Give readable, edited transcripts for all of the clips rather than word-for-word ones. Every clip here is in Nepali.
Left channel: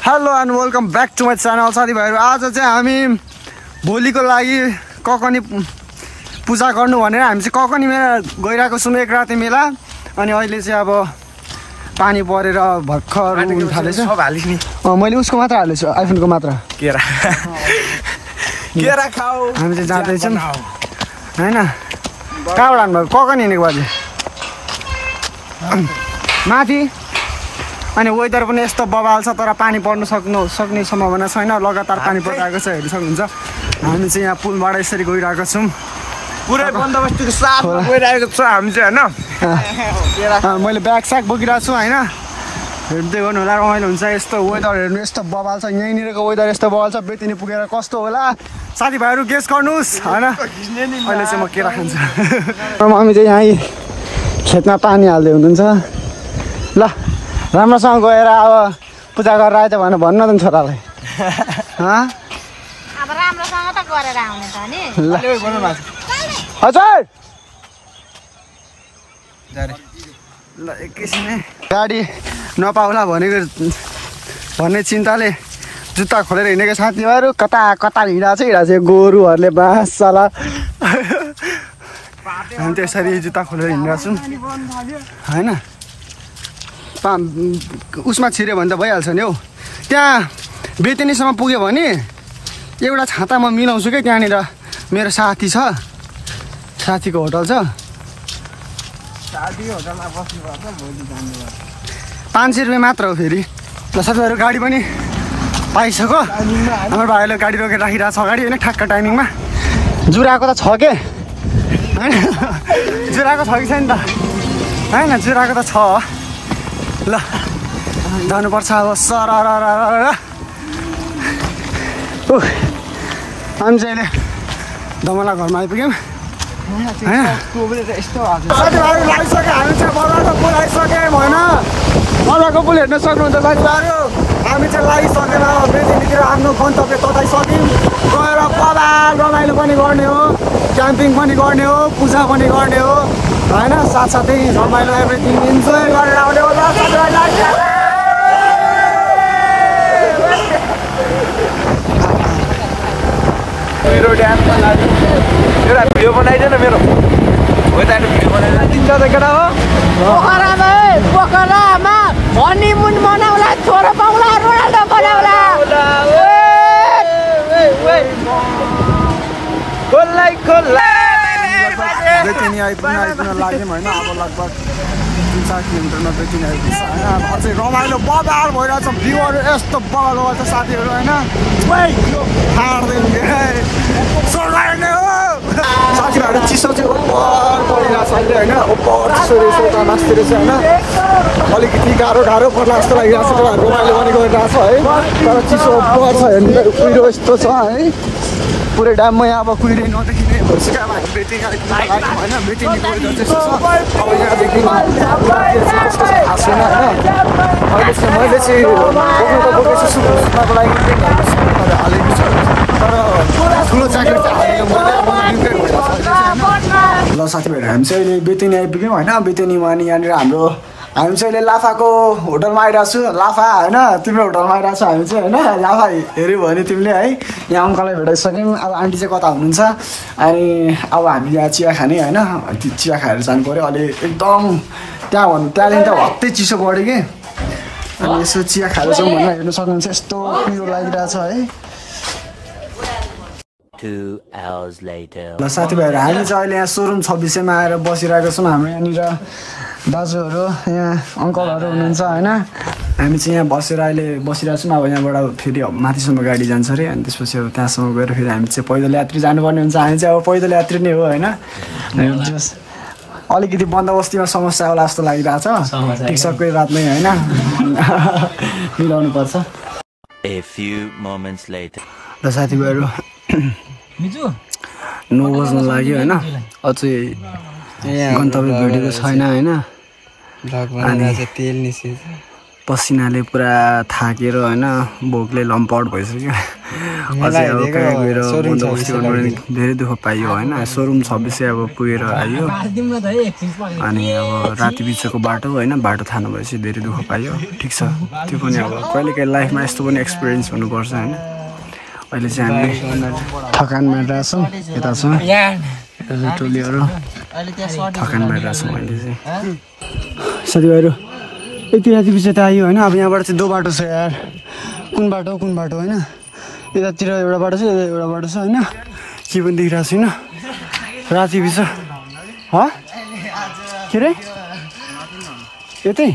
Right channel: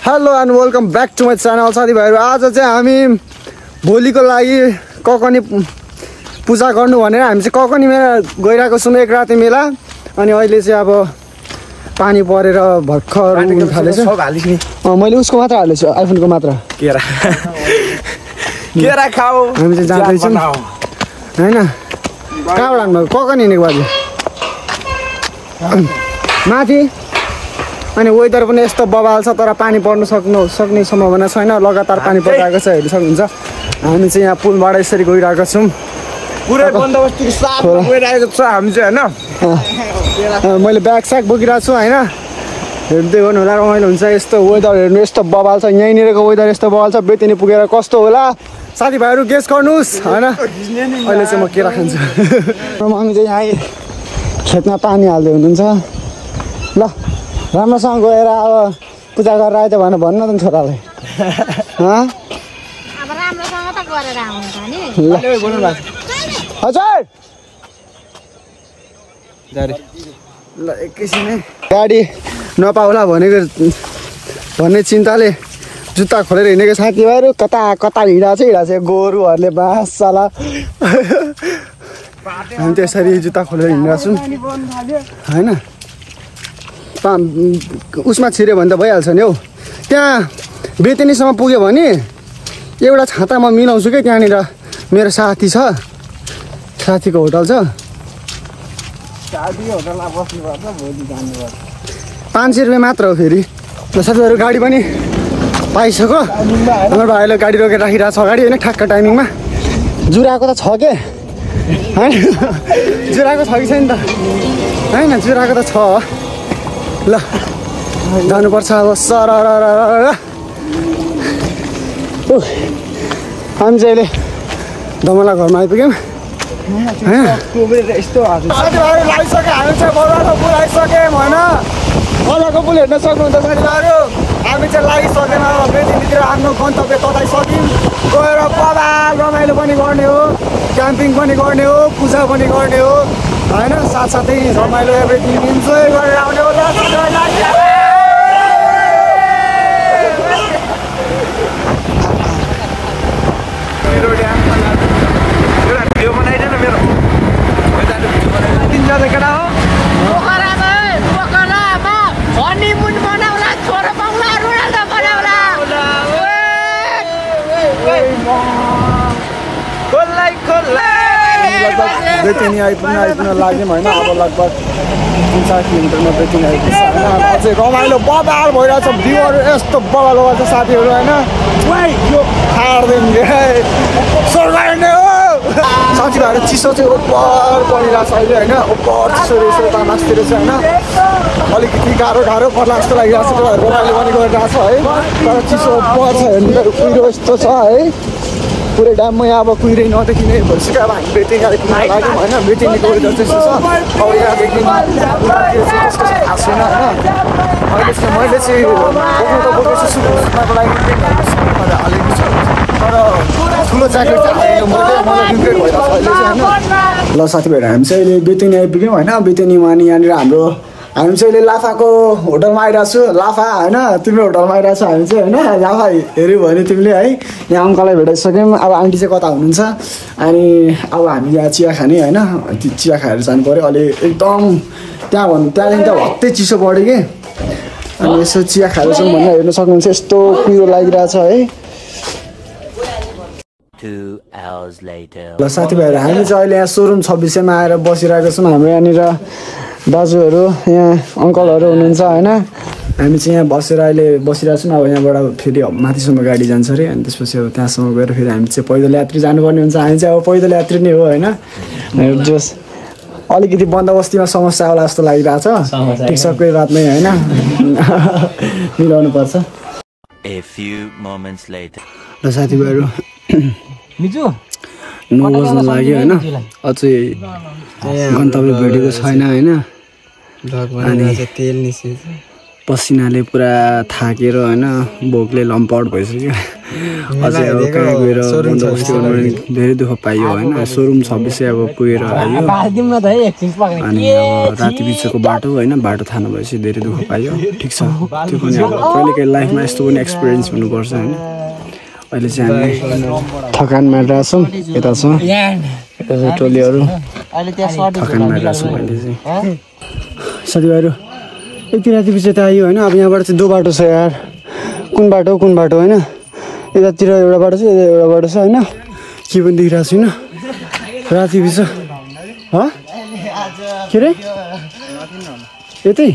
Hello and welcome back to my channel साथीभाइहरू। आज चाहिँ हामी भोलिको लागि ककनी पूजा गर्नु भनेर हामी चाहिँ ककनी मेला गइरहेको छौँ, एक राति मेला। अनि अहिले चाहिँ अब पानी परेर भर्खर उठ्न थालेछ। मैले उसको मात्र हालेछु, आइफोनको मात्र। केरा खाऊ। हामी चाहिँ जाँदैछौँ होइन। कहाँबाट हान्नुभयो? ककनी हिँडेको बाजे माथि। अनि वेदर पनि यस्तो बबाल छ, तर पानी पर्नु सक्ने सम्भावना छैन। लगातार पानी परिरहेको छ, हेर्नु सक्नुहुन्छ। हामी चाहिँ यहाँ पुलबाट यसरी गइरहेको छौँ। पुरै बन्दोबस्त साफ गइरहेको छ हामी चाहिँ होइन। मैले ब्याग स्याग बोकिरहेको छु होइन। हेर्दै गर्नु होला, रमाइलो हुन्छ। यस्तो वेदर हेर्नु, यस्तो बबाल छ। यहीँनिरको वेदर यस्तो बबाल छ। बेतिनी पुगेर कस्तो होला साथीभाइहरू गेस गर्नुहोस् होइन। अहिले चाहिँ म केरा खान्छु। मम्मी चाहिँ यहाँ खेतमा पानी हाल्दै हुनुहुन्छ। ल राम्रोसँग गएर अब पूजा गरेर आयो त भनेर भन्नु न छोरालाई। अब राम्रोसँग त गरेर आउनु त नि। हजुर ल एकैछिनै गाडी नपाउला भन्ने चिन्ताले जुत्ता खोलेर हिँडेको साथीभाइहरू कता कता हिँडाएको छ। गोरुहरूले बाँसला हामी त्यसरी जुत्ता खोलेर हिँडेको छौँ होइन। उसमा छिर्यो भने त भइहाल्छ नि हौ। त्यहाँ बेतिनीसम्म पुग्यो भने एउटा छाता म मिलाउँछु कि। त्यहाँनिर मेरो साथी छ, साथीको होटल छ। 500 रुपियाँ मात्र हो फेरि। साथीहरू गाडी पनि पाइसक्यो। हाम्रो भाइले गाडी रोकेर राखिरहेको छ अगाडि होइन, ठ्याक्क टाइमिङमा। जुराको त छ के होइन, जुराको छ कि छैन त होइन, जुराको त छ। ल जानुपर्छ अब। सर हामी चाहिँ अहिले धमला घरमा आइपुग्यौँ होइन। साथीभाइहरू लागिसक्यो, हामी चाहिँ बल्लाको पुल आइसक्यौँ होइन। बल्लाको पुल हेर्न सक्नुहुन्छ साथीभाइहरू। हामी चाहिँ लागिसक्यौँ। बेतिनीतिर आफ्नो गन्तव्य तताइसक्यौँ। गएर बबाल रमाइलो पनि गर्ने हो, क्याम्पिङ पनि गर्ने हो, पूजा पनि गर्ने हो होइन। साथसाथै रमाइलो एभ्रिथिङ इन्जोय गरेर आउने हो। बेतिनी आइपुग्न लाग्यौँ होइन। अब लगभग 3-4 किलोमिटरमा बेतिनी आइपुग्छ होइन। अझै रमाइलो बबाल भइरहेछ। भ्यूहरू यस्तो बबाल छ साथीहरू होइन। साथीभाइहरू चिसो चाहिँ उपर परिरहेको छ अहिले होइन। उपर चिसो रहेछ, यता माथितिर चाहिँ होइन अलिकति गाह्रो पर्ला जस्तो लागिरहेको छ। रमाइलो पनि गरिरहेको छ है, तर चिसो उपर छ। हेर्नु कुहिरो यस्तो छ है पुरै डाममा। यहाँ अब कुहिरै नदेखिने भइसक्यो। अब हामी बेतिनी आइपुग्न लाग्यौँ होइन। बेतिनीको वेदर त्यस्तो छ। अब यहाँदेखि थाहा छैन होइन। अहिले चाहिँ मैले चाहिँ बोकेको छु सुत्नको लागि हालेको छ, तर ठुलो ज्याकेट चाहिँ हालेको मलाई रिग्रेट भइरहेको छ अहिले चाहिँ होइन। ल साथीभाइहरू हामी चाहिँ अहिले बेतिनी आइपुग्यौँ होइन। बेतिनीमा अनि यहाँनिर हामी चाहिँ अहिले लाफाको होटलमा आइरहेको छु। लाफा होइन, तिम्रो होटलमा आइरहेको छ हामी चाहिँ होइन। लाफा हेऱ्यौ भने तिमीले है। यहाँ अङ्कललाई भेटाइसक्यौँ। अब आन्टी चाहिँ कता हुनुहुन्छ। अनि अब हामी यहाँ चिया खाने होइन। चिया खाएर जानु पऱ्यो। अहिले एकदम त्यहाँदेखि त भक्तै चिसो बढ्यो कि। अनि यसो चिया खाएर जाउँ भनेर हेर्नु सक्नुहुन्छ। यस्तो पिरो लागिरहेछ है। ल साथीभाइहरू हामी चाहिँ अहिले यहाँ सोरुम 26मा आएर बसिरहेको छौँ। हाम्रो यहाँनिर दाजुहरू यहाँ अङ्कलहरू हुनुहुन्छ होइन। हामी चाहिँ यहाँ बसेर अहिले बसिरहेको छौँ। अब यहाँबाट फेरि माथिसम्म गाडी जान्छ अरे। अनि त्यसपछि अब त्यहाँसम्म गएर फेरि हामी चाहिँ पैदल यात्री जानुपर्ने हुन्छ। हामी चाहिँ अब पैदल यात्री नै हो होइन। जस अलिकति बन्दोबस्तीमा समस्या होला जस्तो लागिरहेछ। ठिक छ, कोही बात नै होइन, मिलाउनु पर्छ। ल साथीभाइहरू 9 बज्न लाग्यो होइन। अझै गन्तव्य भेटेको छैन होइन। अनि पसिनाले पुरा थाकेर होइन भोकले लम्पआउट भइसक्यो अझै अब कहाँ गएर बन्दोबस्ती गर्नु धेरै दुःख पाइयो होइन सोरुम 26 अब पुगेर आयो अनि अब राति बिचको बाटो होइन बाटो थाहा नभएपछि धेरै दुःख पाइयो ठिक छ त्यो पनि अब कहिलेकाहीँ लाइफमा यस्तो पनि एक्सपिरियन्स हुनुपर्छ होइन अहिले चाहिँ हामी थकानमा रहेछौँ यता छ टोलीहरू थकानमा रहेछौँ अहिले चाहिँ साथीभाइहरू यति राति पछि त आयो होइन अब यहाँबाट चाहिँ 2 बाटो छ यार कुन बाटो होइन यतातिर एउटा बाटो छ यता एउटा बाटो छ होइन के पनि देखिरहेको छैन राति पछि के अरे यतै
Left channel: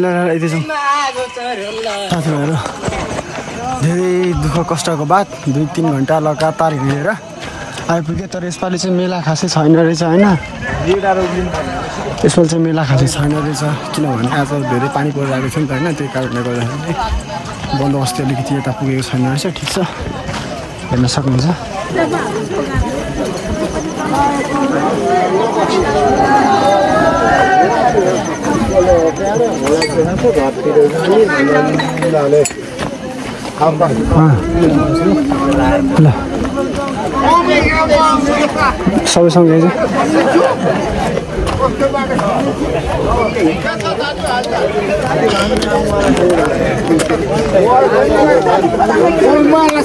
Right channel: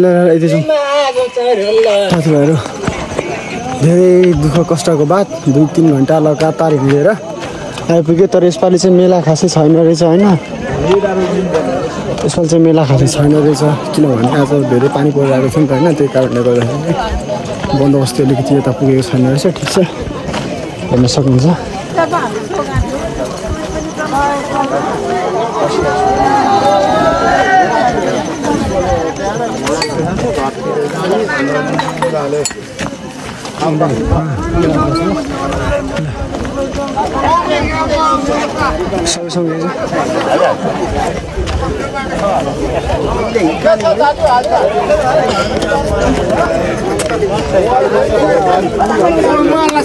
ल यतै जाउँ साथीभाइहरू धेरै दुःख कष्टको बाद 2-3 घन्टा लगातार हिँडेर आइपुग्यो तर यसपालि चाहिँ मेला खासै छैन रहेछ होइन यसपालि चाहिँ मेला खासै छैन रहेछ किनभने आज धेरै पानी परिरहेको छ नि त होइन त्यही कारणले गर्दाखेरि बन्दोबस्ती अलिकति यता पुगेको छैन रहेछ ठिक छ हेर्न सक्नुहुन्छ ल सबै सँगै चाहिँ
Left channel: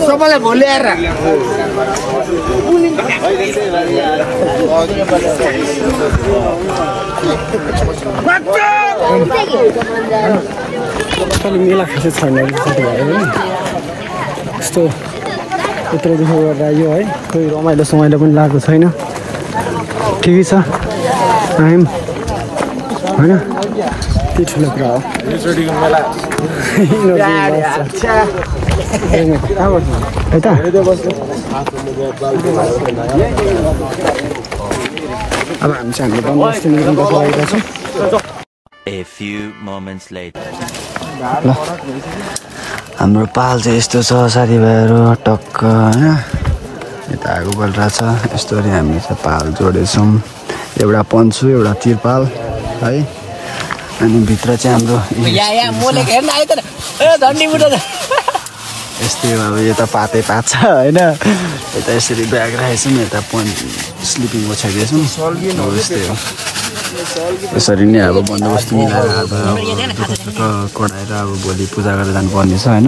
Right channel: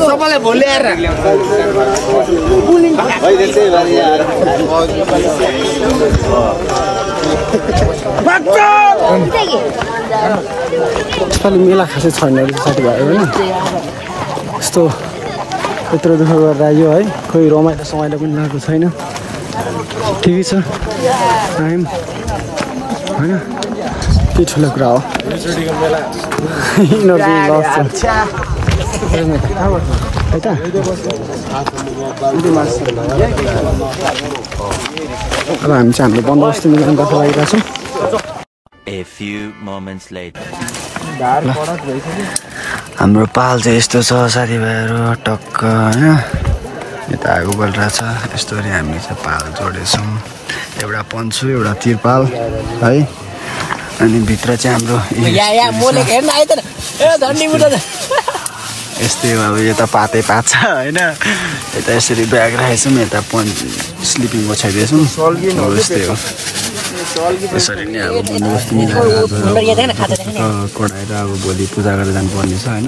सबैलाई भोल्याएर यसपालि मेला खासै छैन रहेछ साथीभाइ होइन यस्तो यत्रो दुःख गरेर आयो है कोही रमाइलो समाइलो पनि लागेको छैन ठिकै छ होइन त्यो ठुलो कुरा हो अब हामी चाहिँ हाम्रो बन्दोबस्ती मिलाउनु दर्शन लागिरहेको छौँ A few moments later. ल हाम्रो पाल चाहिँ यस्तो छ साथीभाइहरू टक्क होइन यता आगो बलिरहेछ यस्तो गरी हामीले चाहिँ पाल जोडेछौँ एउटा पन्चु एउटा तिरपाल है अनि भित्र चाहिँ हाम्रो यस्तै अब यता पातै पात छ होइन यता यसरी ब्याग राखेछौँ यता स्लिपिङ ओछ्याइदिएछौँ हो यस्तै हो यसरी नै अब बन्दोबस्ती मिलाएर अब कडाएर अब भोलि पूजा गरेर जानुपर्ने छ होइन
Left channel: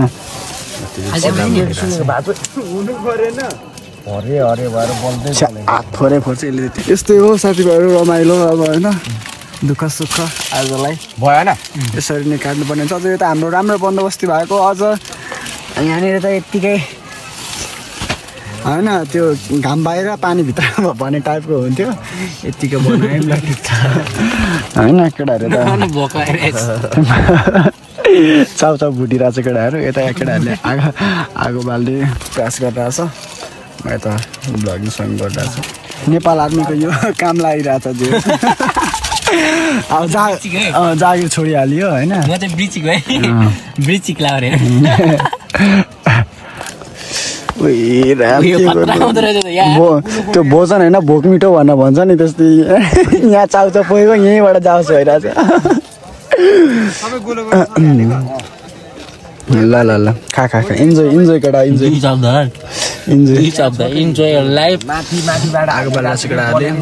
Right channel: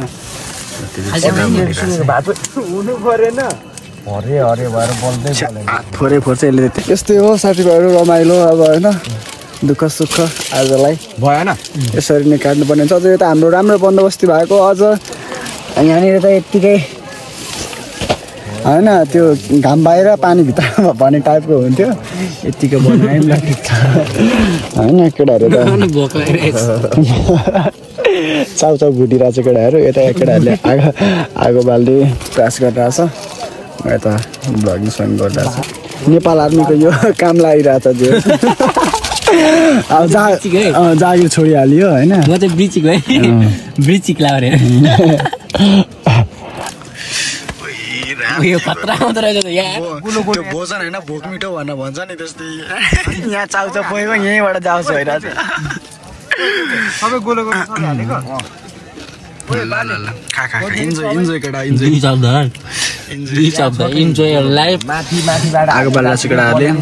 हात फोरै फोर्छ यसले यस्तै हो साथीभाइहरू रमाइलो अब होइन दुःख सुख आजलाई भएन यसरी नै काट्नुपर्ने हुन्छ अझ यता हाम्रो राम्रो बन्दोबस्ती भएको अझ यहाँनिर त यत्तिकै होइन त्यो घाम बाहिर पानी भित्र भन्ने टाइपको हुन्थ्यो यत्तिकै बनायो नि ल ठिक छ होइन केटाहरू त चाउचाउ भुटिरहेको छ केटाहरू यता केटाहरूले आगो बाल्ने प्रयास गरिरहेछ म यता भ्लगिङ सगिङ गरिरहेको छु नेपाल आर्मीको यो काम लागिरहेछ त्यो अब जागिर छोडिहाल्यो होइन त्यो भोजन होइन भोक मिठो भनेर भन्छ नि त्यस्तै यहाँ चाउचाउ पुगेको यहीँबाट जाओस् भइरहेछ ल ल ल खा इन्जोय केटा इन्जोय लाइफ आगो बाल्दा छ केटाहरूले होइन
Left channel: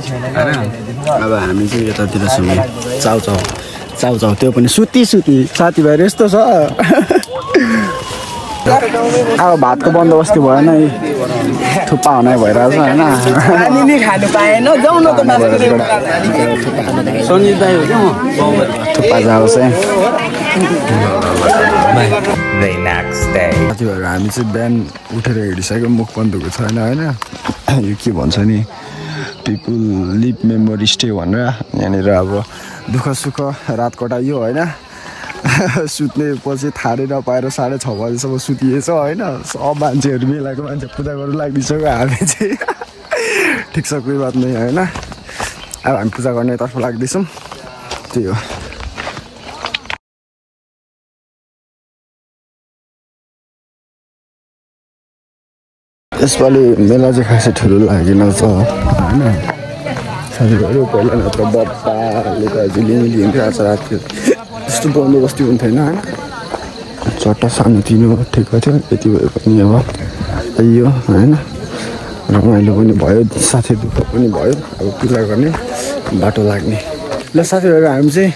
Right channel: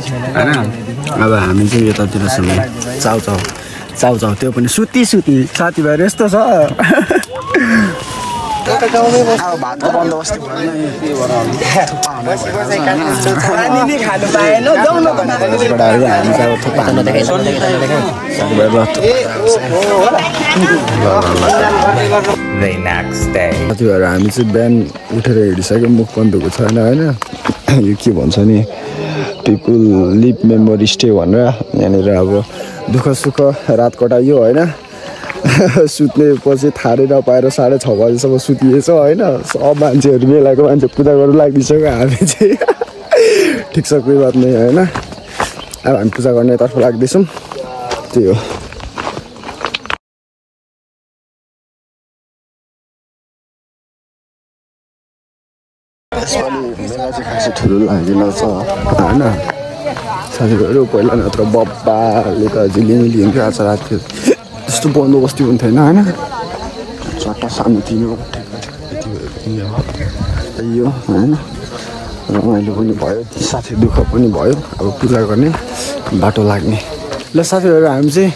अब हामी चाहिँ यतातिर छौँ चाउचाउ त्यो पनि सुती साथीभाइहरू यस्तो छ अब भातको बन्दोबस्ती भएन थुक्पा हुने भइरहेछ होइन थुक्पा जाओस् साथीभाइहरू हामी चाहिँ बिहान उठेर हिँडिसक्यो मुख पनि धुएको छैन होइन यो के भन्छ नि पिपुल लिभ मेमोरी स्टे भनेर यहाँनिर अब दुःख सुख रात कटाइयो होइन सुत्ने पछि थारै नपाएर 6:30 बजीसम्म सुतिएछ होइन सब मान्छेहरू मेलाको मान्छे पूजा गर्नु लाग्दिसक्यो हामी चाहिँ ठिक छ कोही बात नै होइन अब हामी पूजा गर्नेतर्फ लाग्दैछौँ त्यही हो यसपालि मेला चाहिँ खासै ठुलो लागेन होइन साथीभाइहरू पहिला नत्र बप्पा लुका झिलिङ लिन्थ्यो आज राति त्यस्तो बन्दोबस्ती पनि थिएन होइन चट्ट शान्ति ठिक थियो यति भए पनि अब यो होइन रमाइलो पनि भयो साथै दुःख पनि भयो अब पूजा गर्ने बाटो लाग्ने ल साथीहरू हामी चाहिँ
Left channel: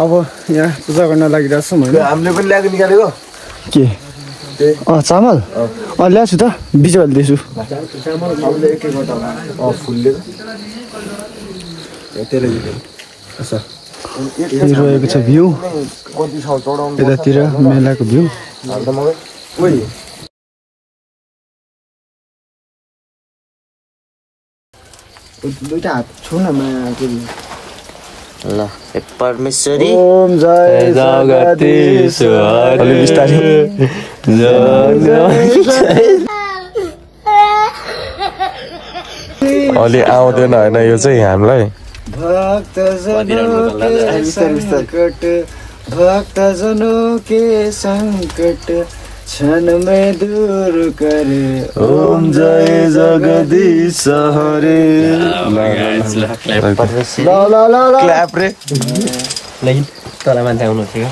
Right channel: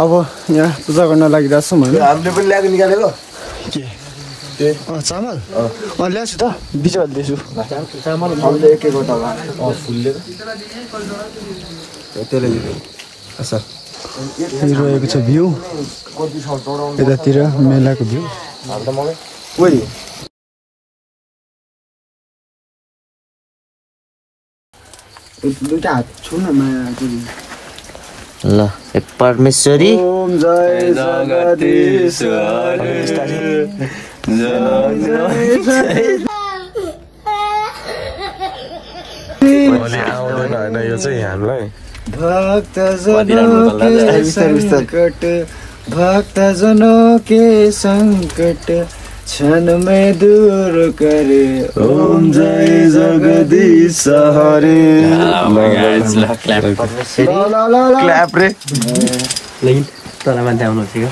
अब यहाँ पूजा गर्न लागिरहेको छौँ होइन हामीले पनि ल्याएको निकालेको के चामल ल्याएको छु त बिच हाल्दैछु फुलले रहेको छ भ्यू यतातिर मेलाको भ्यू दुईटा हात छु न ल एक परमेश्वरी ओम जय जगदीश्वर अलि आउँदैन होइन यो चाहिँ हामीलाई भक्तजनों के संकट क्षण में दूर करे ओम जय जगदीश हरे क्ल्याप रे तल मान्छे आउनु थियो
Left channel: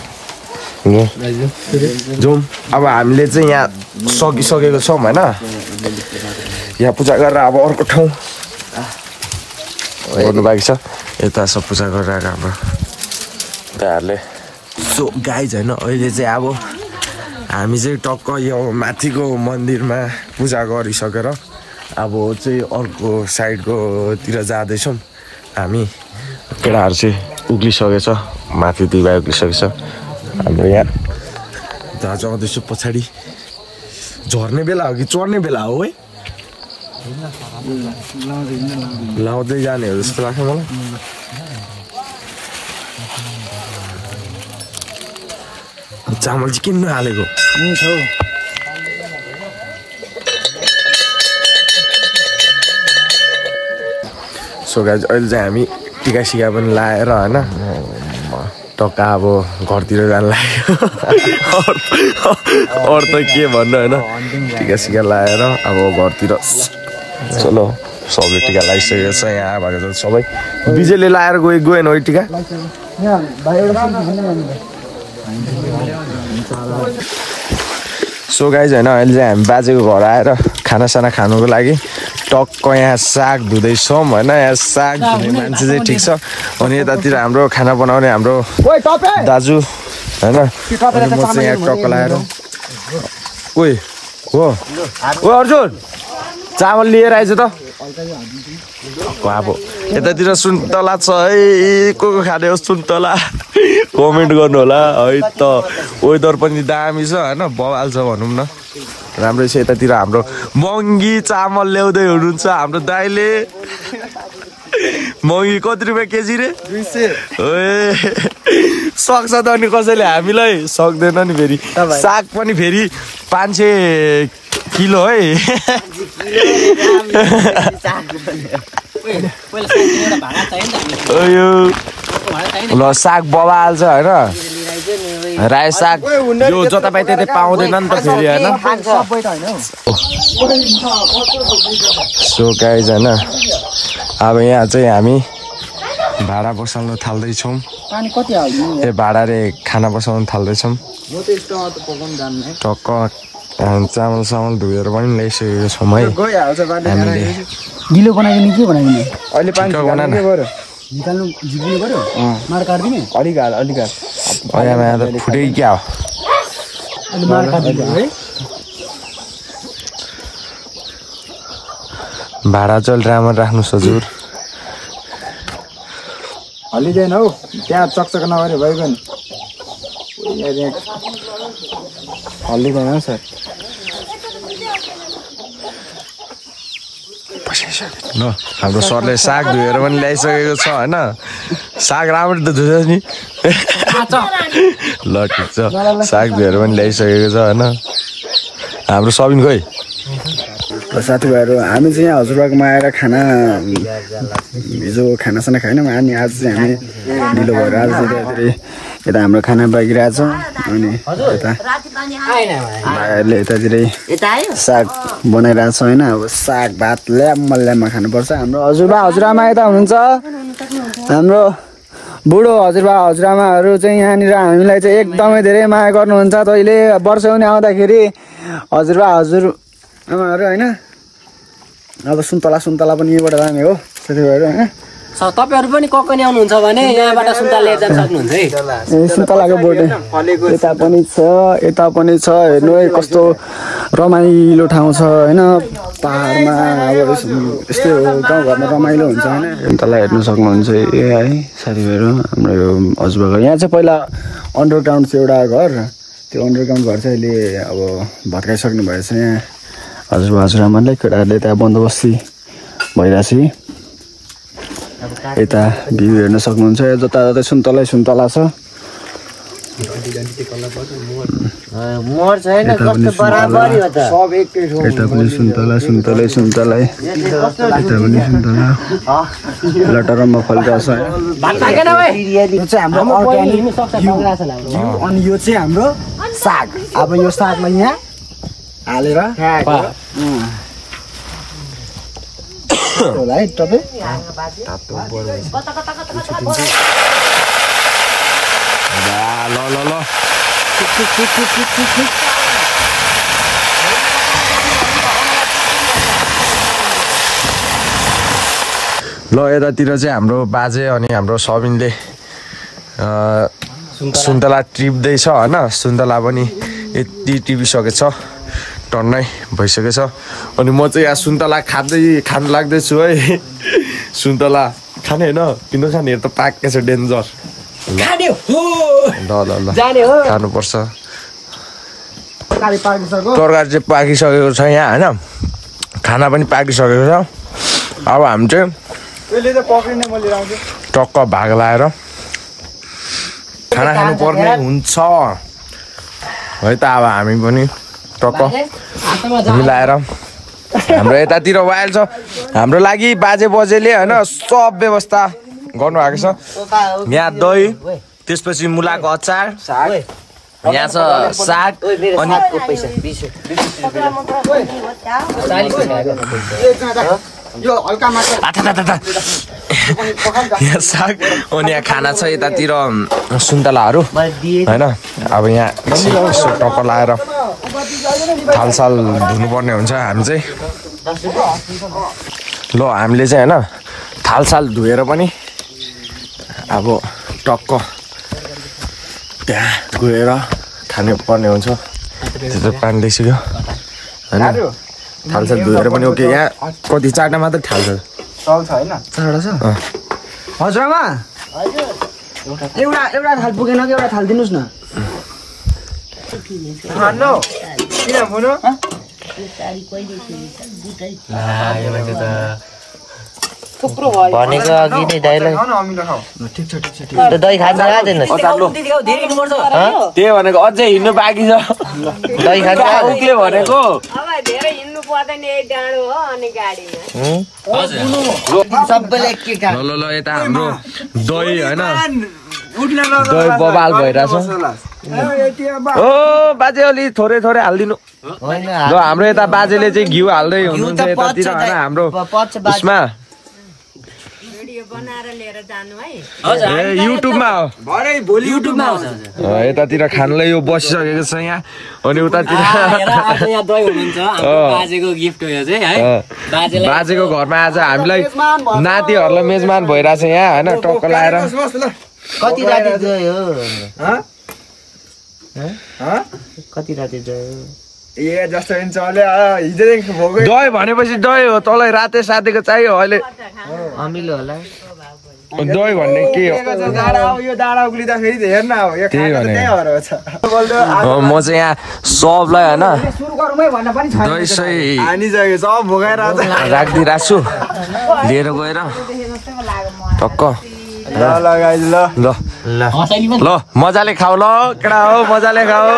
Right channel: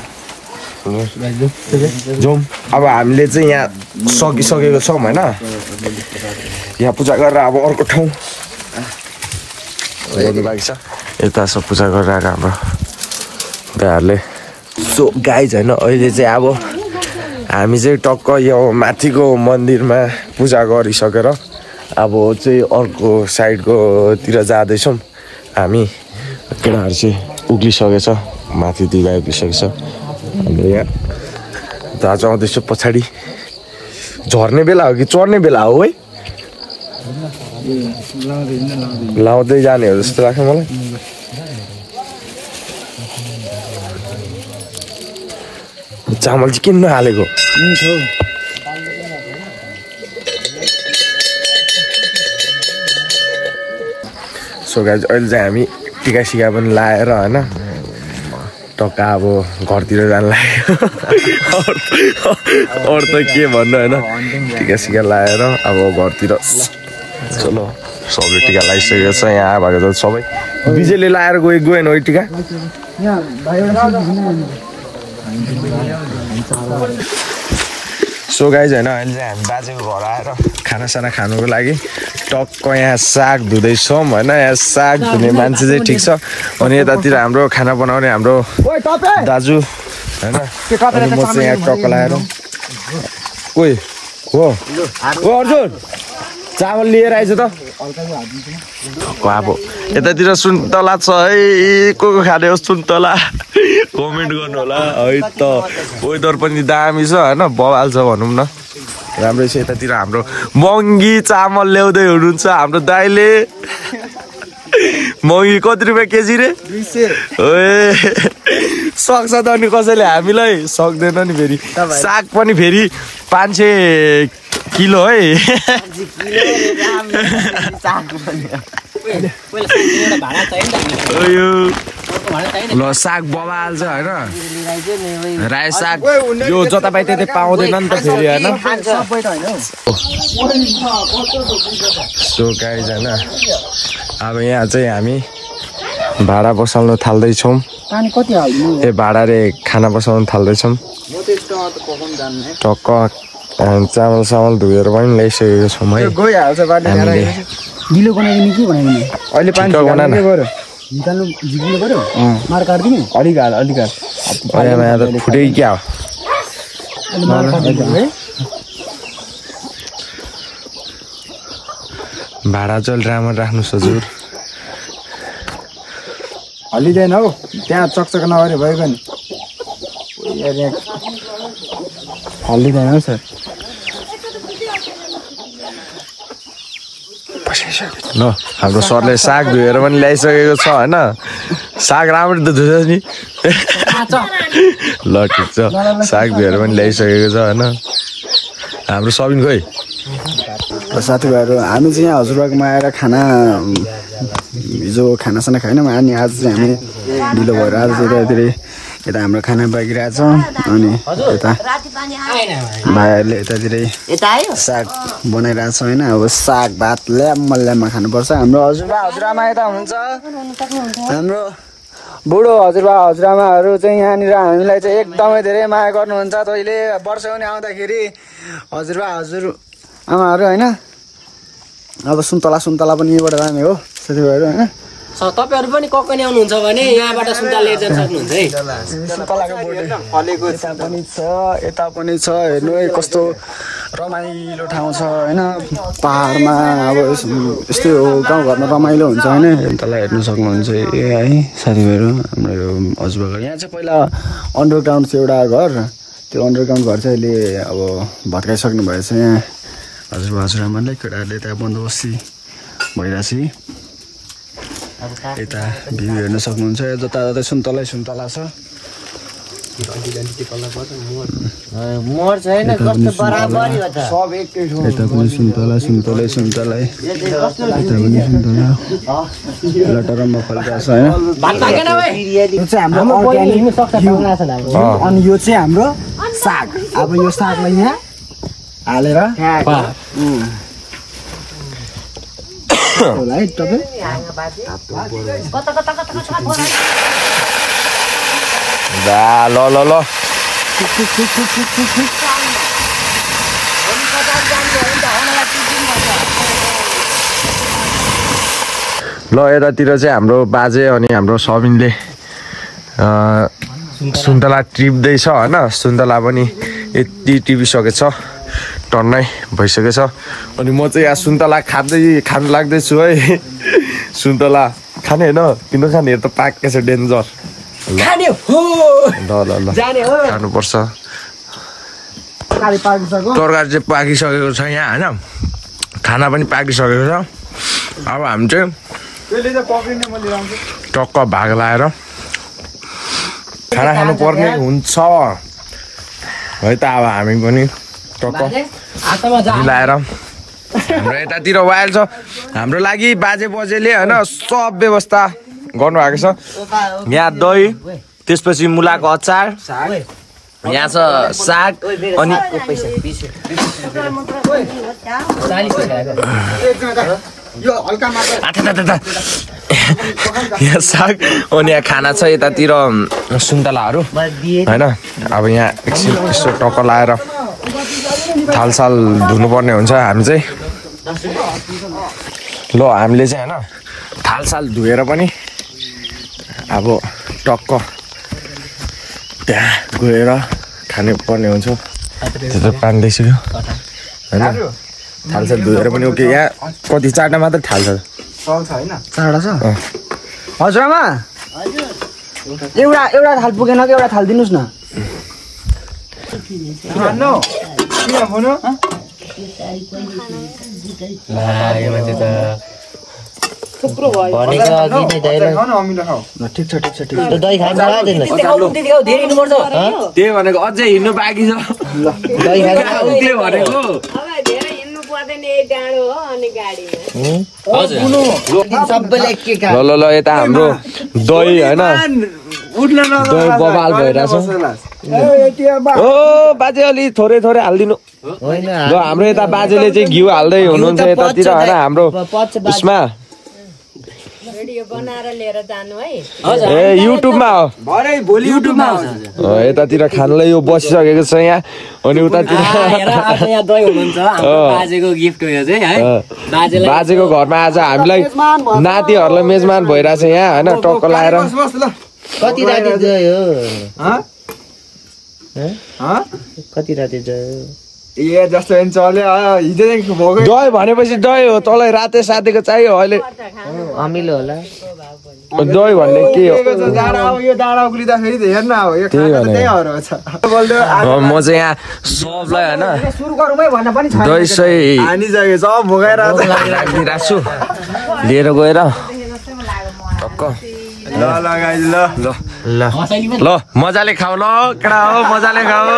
जाउँ अब हामीले चाहिँ यहाँ सकिसकेको छौँ होइन यहाँ पूजा गरेर अब अर्को ठाउँ गर्नु बाँकी छ यता सब पूजा गरेर आएको हाम्रो दाइहरूले सो गाइज होइन अहिले चाहिँ अब हामी चाहिँ टक्क यो माथिको मन्दिरमा पूजा गरिसकेर अब चाहिँ अर्को साइडकोतिर जाँदैछौँ हामी केटाहरू चाहिँ उक्लिसकेछ माथि दिवा उक्लिसकेछ हाम्रो यहाँ दाजु आउँदैछ पछाडि झर्ने बेला हो कि चढ्ने बेला हो है लाउँदै जाने हो जस्तो लाग्छ मलाई चामल चाहिँ किन नहालेको सो गाइज अहिले चाहिँ हामी टिका सिका पनि लाएर होइन टक्का अब घरतिर जानु लाग्यो अरू त के भन्नु होइन टिका सिका लाएर अब घरतिर चलो सबले टिका लगाइसकेको छ यहाँ भएको त सबै बिजेले लाएर गएन है टिका सो गाइज होइन अहिले चाहिँ हामी बाजेको घर आएर खानासाना खानुको लागि टक्क यहाँ साग धुँदैछौँ होइन यहाँ साग धुने मान्छे चाहिँ ठिक छ अनि यतातिर हाम्रो खाना बनाउने हाम्रो दाजु होइन अनि म चाहिँ यहाँ टक्क लगाएर ओइ हो अर्जुन चामल लिएर आइज त अब यतातिर सुन्तला छ है को खाने हो सुन्तला कमेन्ट गर्नु होला है त वेदर पनि दामी छ होइन बवाल छ भनौँ न राम्रै छ यतातिर हाम्रो महँगी चामल ल्याउँदै हुनुहुन्छ हाम्रो दाइले महँगी कति रुपियाँ केजी रे 200 सक्छ त अनि कसैले हामीलाई सक्दैन नि फेरि साग पनि फेरि 500 किलो है ल साग बवाल छ होइन रायो साग यो जतापाइ त्यतै पाउँदैन नि त फेरि होइन सो गाइज होइन अब यहाँ चाहिँ हामी भाडा बसाल्न थाल्दैछौँ भाडा रे खाना बसाउन थाल्दैछौँ टक्क चामल सामल धोएर पनि ल्याइसकेको छौँ है हामीले गिलो बनाइदिने के बनाइदिने ठिक्क बना न निकाल्नु झिक्नु पर्यो माड काट्दिने अलिक यहाँ त फुटै क्या हो अलि माड काट्दिनु है भाडा चाहिँ राम्रो राख्नुहोस् हजुर हल्लिँदैन हौ त्यहाँ चकचक नगरे भएको नि हल्लिँदैन हौ सर ल हाम्रो सरले साग धोएर पनि ल्याइसकेको छ होइन साग राम्रो त धुन्छ नि ल ठिक छ साग धोएर पनि ल्याइसकेको छ होइन हाम्रो सबिन खोइ साथीभाइहरू हामी चाहिँ यहाँ हजुरबागमा आएर खाना हिजो खानासाना खाएनौँ अनि आज चाहिँ हामी ढिलो भएर आज चाहिँ यता हाम्रो खाना पाकिरहेछ अनि यता भाइहरूले यतातिरै साग बनाइरहेछ होइन अब साग भात ल्याम्मा खानुपर्छ हाम्रो हजुरबा हजुरआमा यता हुनुहुन्छ हाम्रो बुढो हजुरबा हजुरआमाहरू चाहिँ यहाँनिर हामीलाई चाहिँ एकदमै धेरै माया गर्नुहुन्छ। तैँले वर्षौनी आउँदाखेरि हजुरबा हजुरआमाहरू होइन। अब सुन्तला पनि यहीँबाट जाने हो साथीभाइहरू होइन। तपाईँहरू पनि ककनी आउनुहुन्छ भने यहाँबाट सुन्तला लिएर जान सक्नुहुन्छ है। सुन्तलाको बोट यता पनि छ हेर्नु है कस्तो रमाइलो ठाउँ छ होइन। पहाडमा अब यस्तै हो गाउँघरमा रमाइलो हुन्छ होइन। सुन्तला हेर्नु सक्नुहुन्छ है साथीभाइहरू हाम्रो यो हजुरबाको। यहाँ चाहिँ पहिला अन्डरग्राउन्ड थियो एउटा घर, त्यो अन्डरग्राउन्ड घर चाहिँ अहिले अब भत्काइसक्नु भएछ। यहाँ हजुरबा हजुरआमालाई केटाहरूले त्यहाँ बन्दोबस्ती भइरहेछ। यता भ्यू हेर्न सक्नुहुन्छ जताततै सुन्तला छ। यता पनि सुन्तला यता पनि सुन्तला लटरममा फलिरहेछ होइन। यो चाहिँ हाम्रो अर्ग्यानिक घिउ अनि यो चाहिँ हाम्रो साग। अब यो सागलाई यहाँ हालेर होला है तपाईँ। ल यतातिर चाहिँ हाम्रो बाजे अनि हाम्रो सबिनले सुन्तला टिप्दैछ होइन। सुन्तला पनि यति टिपिसकेछ, टन्नै भइसकेछ। अनि म चाहिँ यहाँ सुन्तला खान लाग्दैछु है। सुन्तला खाने होइन किन खाने, त पाक्कै छ डेन्जर। ल खानुपर्छ। तरकारी चाहिँ पाकिसकेको छ यहाँ होइन, खाना पनि पाकिसकेको छ। अब हामी चाहिँ टक्क भाग लाएर खाना खानु पर्ने हुन्छ है त। अब हामी पनि टक्क मिलाएर हाम्रो यतातिर वाइल छ। हाम्रो लागि बाजेले होइन सब व्यवस्था गर्नुभएको छ। यहाँ दही, त्यसपछि मुलाको अचार, यहाँ छ साग अनि यहाँ साग अनि यहाँ खाना छ। यतातिर सुन्तलाहरू होइन। अब यहाँ एकछिन यसो टक्क लाएर थालसाल धुनुपर्ने हुन्छ हामी चाहिँ। ल हामीले चाहिँ होइन थालसाल धोएर पनि अब टक्क त्यहाँ गएर खानु पर्ने हुन्छ। त्यो त पानी ल्याइसक्यो होइन। थालसाल धोएर पनि ओके। यहाँ कति 4टा मात्र थाल्छ। 4टा छ हजुरआमा। एउटा थाल पुगेन कि एउटा थाल दिनुहोस् न। भनेको अघि नै दाइलाई ठिक छ दही खान लाग्दैन। त्यही भनेको अझै हिँड्नु बाँकी छ। दही खान त्यो भनेको ल यता हाम्रो दही होइन, दही बबाल भइरहेछ। ओ बाजे अलि थोरै हालिदिनु। ल हाम्रो यता बाजेले चाहिँ घिउ हाल्दै हुनुहुन्छ यतातिर होइन। हाम्रो उसमा ए युट्युबमा हो, भोलि युट्युबमा यतातिर खानलाई यो बसिसकेको छ यहाँ। अनि उतातिर बाजेको घरमा आज हामीलाई नातिहरूलाई मेजमान भइरहेछ यहाँ होइन। टक्क लाएर कति राति ए जस्तो चल्यो हिजोदेखि दही भनेपछि दही हो। तँलाई राते सातेको चाहियो अहिले अमिलो होला। दही भन्ने के हो? यो डाँडा उक्लिँदाखेरि त हेर्न अब यो म चाहिँ यहाँ सबलाई होइन दही सही राखिदिइरहेको छु लिएर गएर टक्क। ल मजाले खाऊ ल केटा हो, मजाले खाऊ।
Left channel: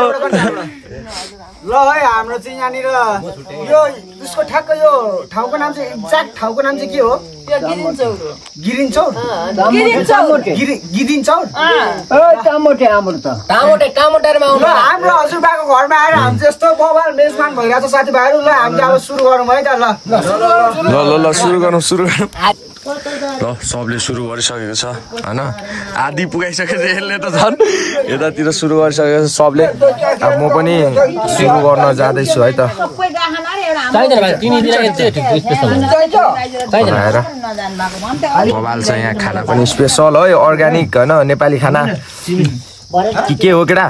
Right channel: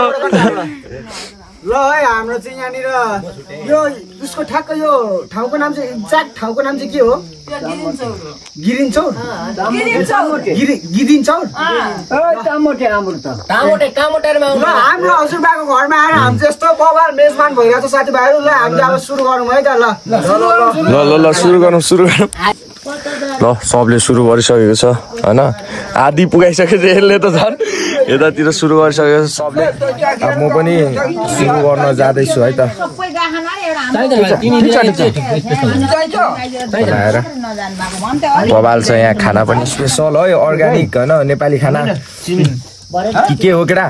ल है हाम्रो चाहिँ यहाँनिर यो उसको ठ्याक्क यो ठाउँको नाम चाहिँ एक्ज्याक्ट ठाउँको नाम चाहिँ के हो? गिरिन चौर। हाम्रो हजुरबाको घरमा आएर हामी जस्तो बबाल मेजबान भइरहेको साथीभाइहरू। ल हामीले अब सुरु गरौँ है त। ल सुरु गरौँ। ल सबले सुरु गरिसकेको छ होइन आधी पुगाइसकेको छ यसले त झन् यतातिर सुरु गरिसकेको छ सबले अब म पनि सुरु गर्न जाँदैछु है त बनाएर बबाल छ यहाँ खाना पनि स्पेसल है अर्ग्यानिक होइन नेपाली खाना के हो केटा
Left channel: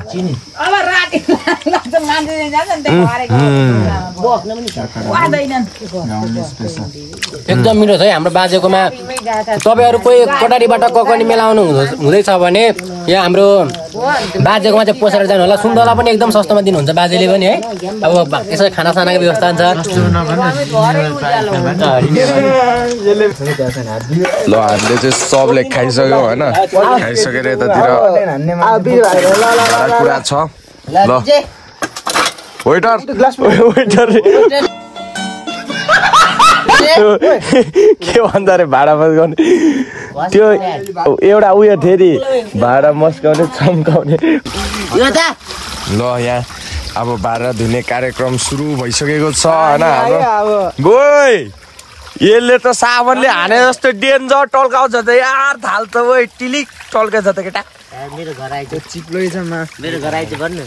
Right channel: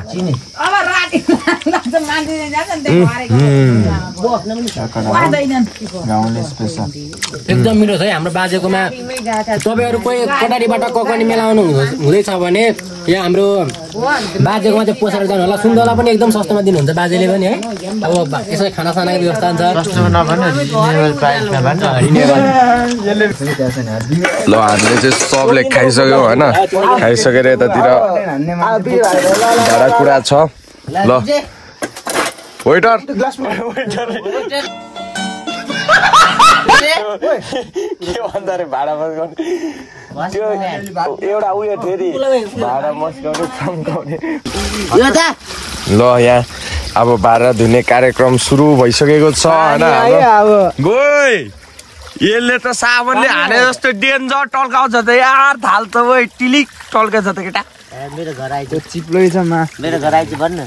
एकदम मिठो छ है हाम्रो बाजेकोमा तपाईँहरू कोही कटारीबाट ककनी मेला आउनु हुँदैछ भने यहाँ हाम्रो बाजेकोमा चाहिँ पसेर जानु होला सुन्तला पनि एकदम सस्तोमा दिनुहुन्छ बाजेले पनि है अब यसो खानासानाको व्यवस्था हुन्छ ल हामीले चाहिँ सबले खाइसक्यो होइन खाइसकेर यतातिर भाँडाकुँडा छ ल वेटर के भन्छ अरे भाडा मस गर्ने त्यो एउटा उयो थियो नि भाडा मस्काउने चम्काउने ल यहाँ अब भाडा धुने कार्यक्रम सुरु भइसकेको छ होइन हाम्रो गोइ यसले त साबनले हाने जस्तो डेन्जर टल्काउँछ त यार थाल त वै टिलिक टल्काउँछ त केटा मेरो घर आइज चिप्लै छ मेरो घर आइज भन्नु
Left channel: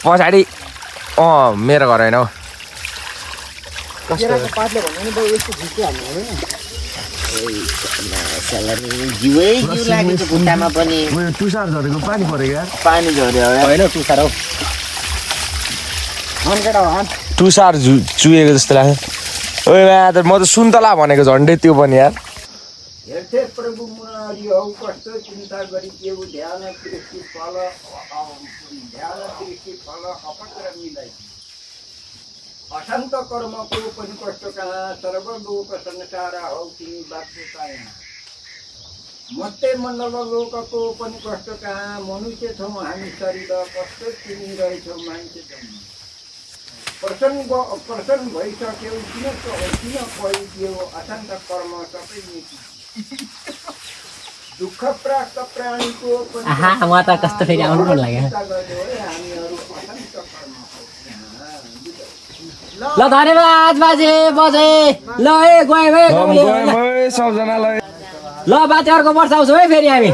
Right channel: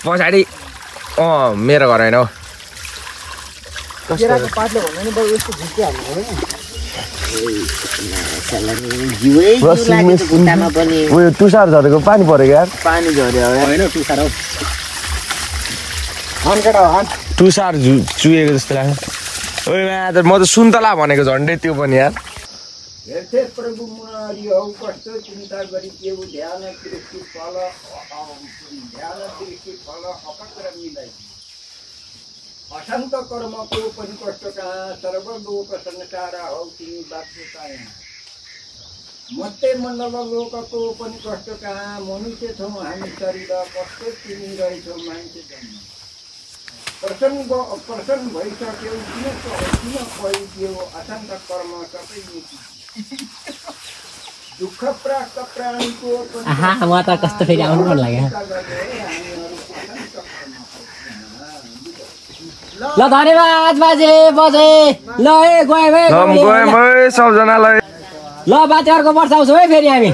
पछाडि मेरो घर होइन हौ तुषार झरेको पानी परेको यार पानी झऱ्यो होइन तुषार हौ तुषार चुहेको जस्तो लाग्छ ओइ म त सुन्तला भनेको झन्डै त्यो पनि यार हेर्थे प्रभु मुरारी हौ कस्तो चिन्ता गरी के ध्यान दृष्टि फल अपक्र मिलाई अशान्त कर्मको पनि कष्ट कहाँ सर्वलोक संसार हौ तिमी बाध्यता यहाँ मत्ते मण्डल लोकको पनि कष्ट कहाँ मनुष्य छौँ हामी शरीर कष्ट तिमी रहेछौ मान्छे जन्म प्रसन्न भइसक्यौ किन भइदियो अशान्त कर्म सबै नीति दुःख प्राप्त प्राणीको म त कस्तो फेरि आउनु मन लाग्यो ल धन्यवाद बाजे बजे ल ए गए सबजनालाई ल बाजे अर्को वर्ष आउँछौँ है फेरि हामी